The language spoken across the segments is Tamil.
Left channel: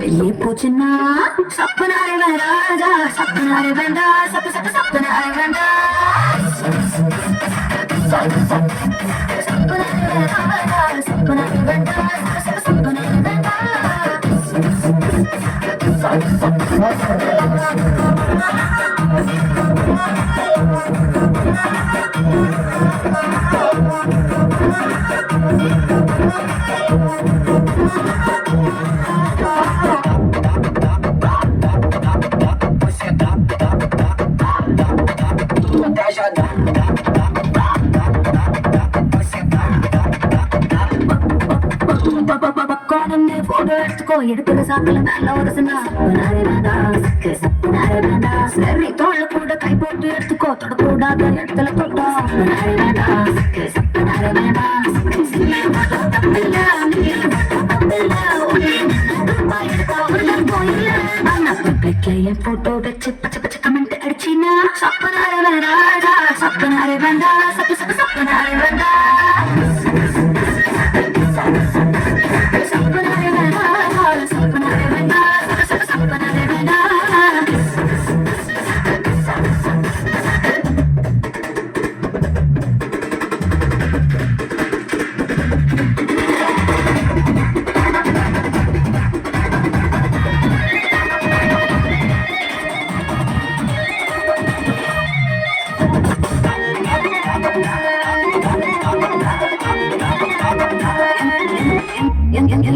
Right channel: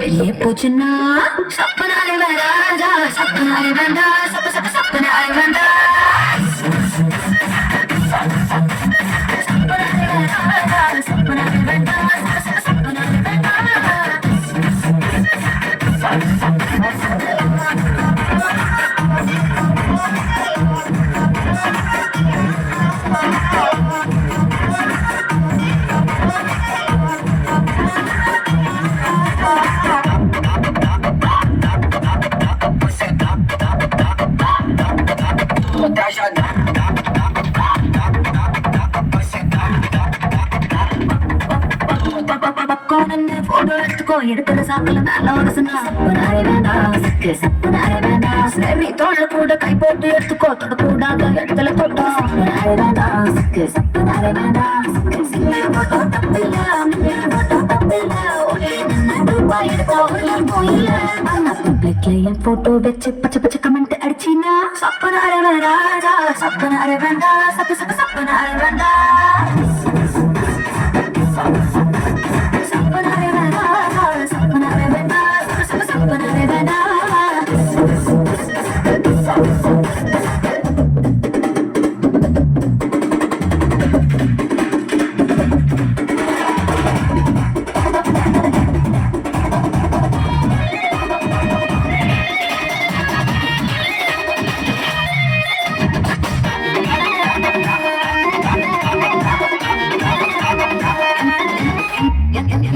வெளியே போச்சுன்னா சப்பனாரை வேண்டாம் சப்பனாரை வேண்டாம் சப்பனாரை வேண்டாம் எடுக்கிற சாக்கில் நல்ல ஒரு சரி தோல்ல கூட கை போட்டு எடுத்துக்கோ தொடக்கூடாது இடத்துல தொட்டோம் போட்டோ வச்சு பச்சை பச்சை கமெண்ட் அடிச்சினா சப்பனார வேண்டாம் சப்பனார வேண்டாம் சப்பனார வேண்டாம்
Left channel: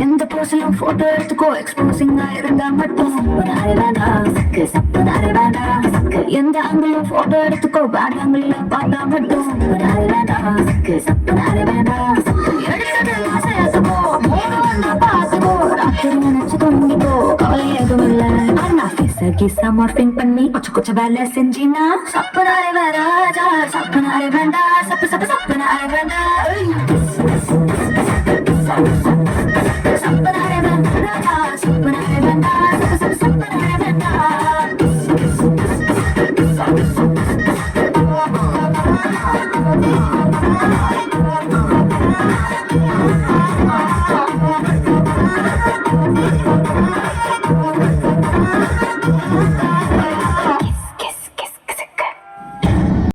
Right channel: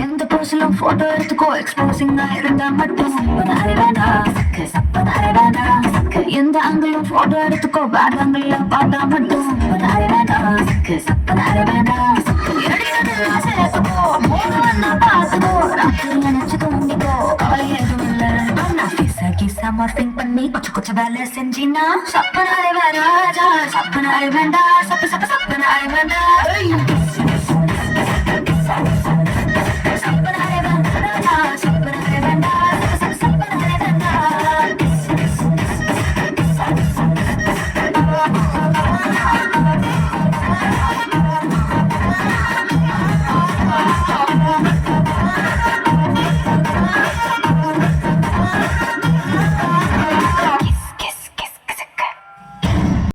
எந்த போஸ்டிலும் போட்டோ எடுத்துக்கோ எக்ஸ்போசிங்கா இருந்தா மட்டும் எந்த ஆங்கிலும் போட்டோ எடுத்துக்கோ பேட் ஆங்கிள் பார்த்தா மட்டும் நினைச்சு தோண்டிக்கோ கவலை எதுவும் இல்ல கிசா மார்பிங் பண்ணி கொஞ்சம் வேலை செஞ்சினா சப்பனாரே வேண்டாம் சப்பனாரே வேண்டாம் சப்பனாரே வேண்டாம்